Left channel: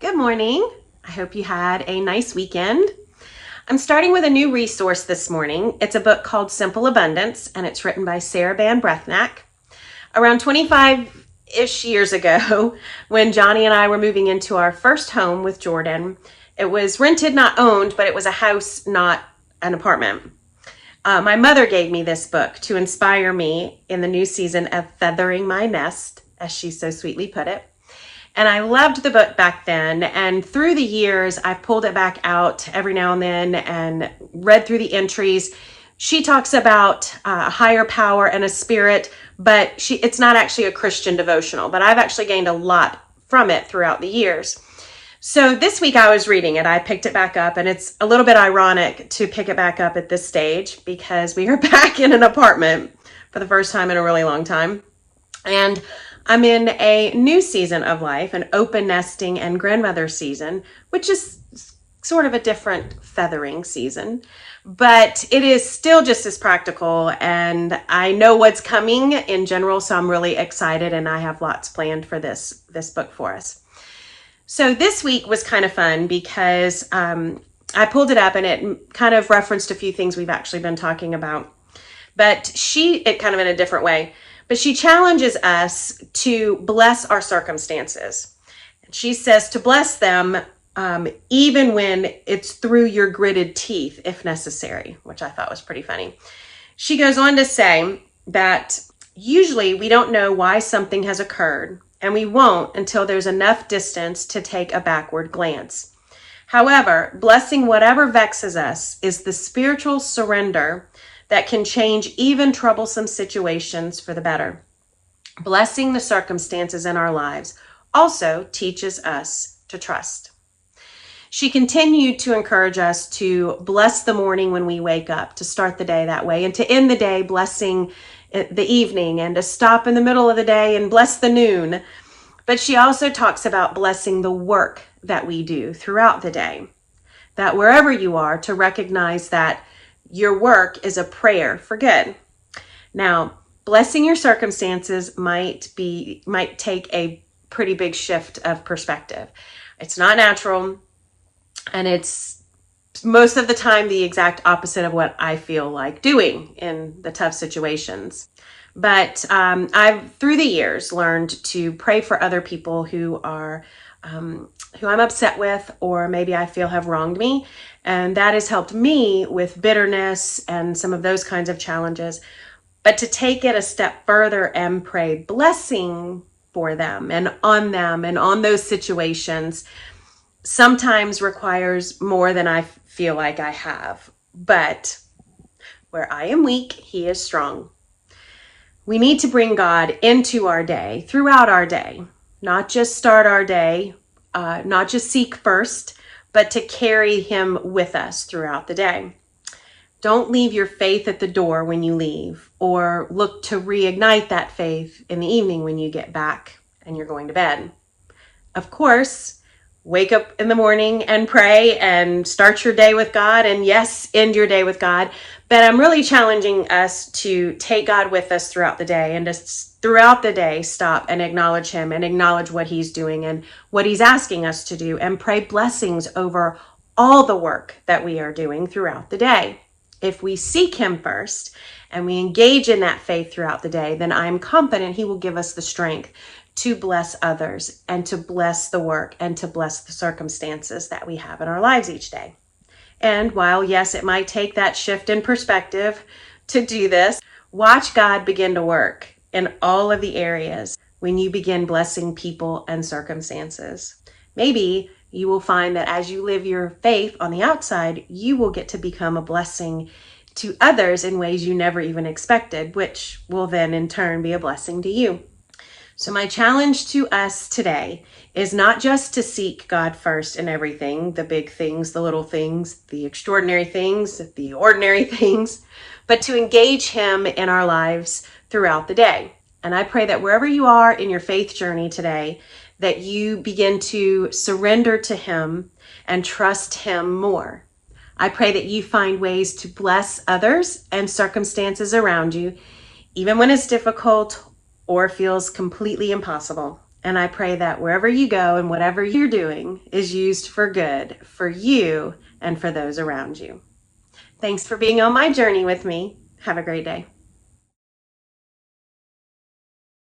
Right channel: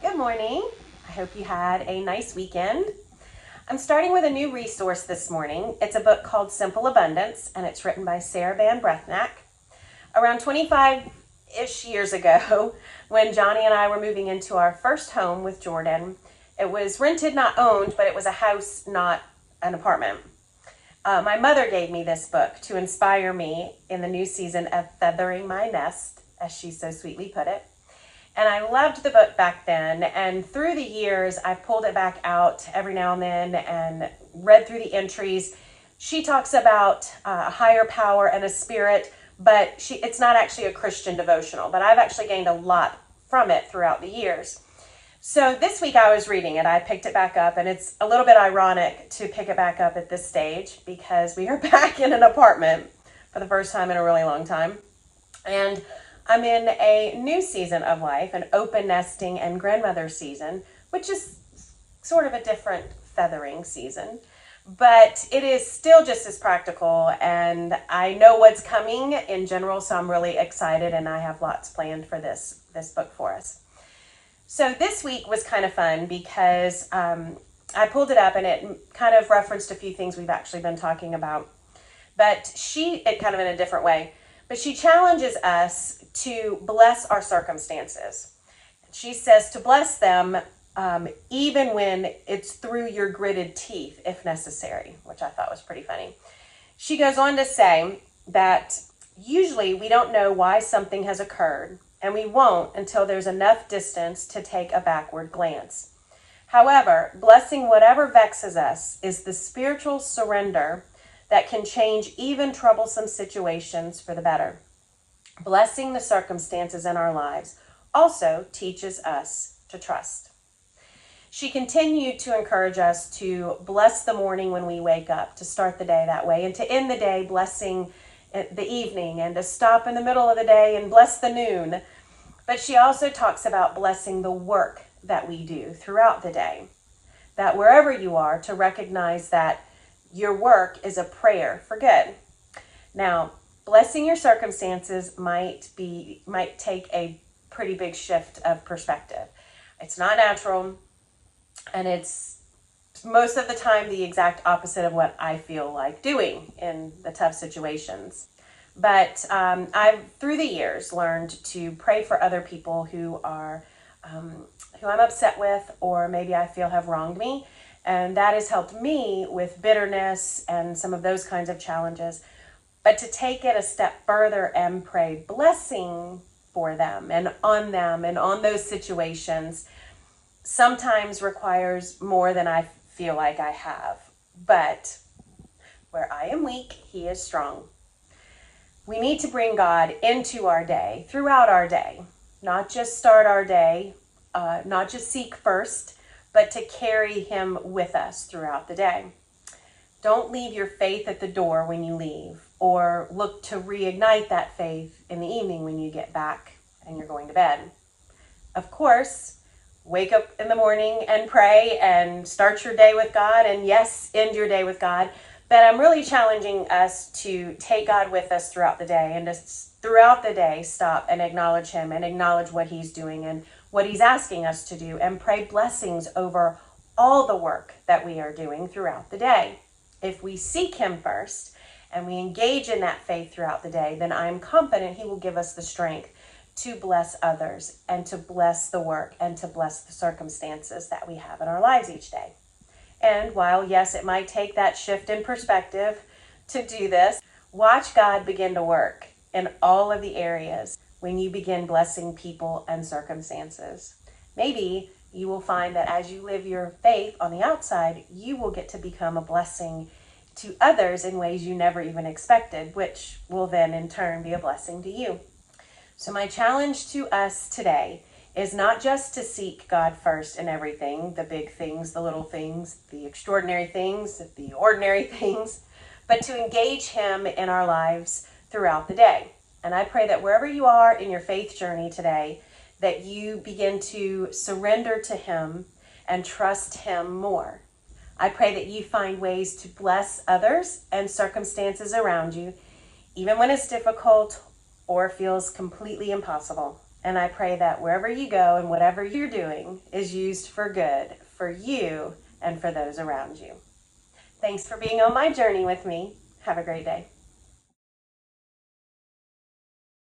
Good morning. I hope you had a nice weekend. I'm starting with a new resource this morning. It's a book called Simple Abundance, and it's written by Sarah Van Brethnack. Around 25-ish years ago, when Johnny and I were moving into our first home with Jordan, it was rented, not owned, but it was a house, not an apartment. My mother gave me this book to inspire me in the new season of feathering my nest, as she so sweetly put it. And I loved the book back then, and through the years, I've pulled it back out every now and then and read through the entries. She talks about a higher power and a spirit, but it's not actually a Christian devotional, but I've actually gained a lot from it throughout the years. So this week I was reading it. I picked it back up, and it's a little bit ironic to pick it back up at this stage because we are back in an apartment for the first time in a really long time. And I'm in a new season of life, an open nesting and grandmother season, which is sort of a different feathering season, but it is still just as practical, and I know what's coming in general, so I'm really excited, and I have lots planned for this book for us. So this week was kind of fun because I pulled it up and it kind of referenced a few things we've actually been talking about, but it kind of in a different way. But she challenges us to bless our circumstances. She says to bless them even when it's through your gritted teeth, if necessary, which I thought was pretty funny. She goes on to say that usually we don't know why something has occurred, and we won't until there's enough distance to take a backward glance. However, blessing whatever vexes us is the spiritual surrender that can change even troublesome situations for the better. Blessing the circumstances in our lives also teaches us to trust. She continued to encourage us to bless the morning when we wake up, to start the day that way, and to end the day blessing the evening, and to stop in the middle of the day and bless the noon. But she also talks about blessing the work that we do throughout the day, that wherever you are, to recognize that your work is a prayer for good. Now, blessing your circumstances might take a pretty big shift of perspective. It's not natural, and it's most of the time the exact opposite of what I feel like doing in the tough situations. But I've, through the years, learned to pray for other people who I'm upset with, or maybe I feel have wronged me. And that has helped me with bitterness and some of those kinds of challenges. But to take it a step further and pray blessing for them and on those situations sometimes requires more than I feel like I have. But where I am weak, He is strong. We need to bring God into our day, throughout our day, not just start our day, not just seek first, but to carry Him with us throughout the day. Don't leave your faith at the door when you leave, or look to reignite that faith in the evening when you get back and you're going to bed. Of course, wake up in the morning and pray and start your day with God, and yes, end your day with God. But I'm really challenging us to take God with us throughout the day, and to throughout the day stop and acknowledge Him and acknowledge what He's doing and what He's asking us to do, and pray blessings over all the work that we are doing throughout the day. If we seek Him first and we engage in that faith throughout the day, then I'm confident He will give us the strength to bless others and to bless the work and to bless the circumstances that we have in our lives each day. And while, yes, it might take that shift in perspective to do this, watch God begin to work in all of the areas when you begin blessing people and circumstances. Maybe you will find that as you live your faith on the outside, you will get to become a blessing to others in ways you never even expected, which will then in turn be a blessing to you. So my challenge to us today is not just to seek God first in everything, the big things, the little things, the extraordinary things, the ordinary things, but to engage Him in our lives throughout the day. And I pray that wherever you are in your faith journey today, that you begin to surrender to Him and trust Him more. I pray that you find ways to bless others and circumstances around you, even when it's difficult or feels completely impossible. And I pray that wherever you go and whatever you're doing is used for good for you and for those around you. Thanks for being on my journey with me. Have a great day.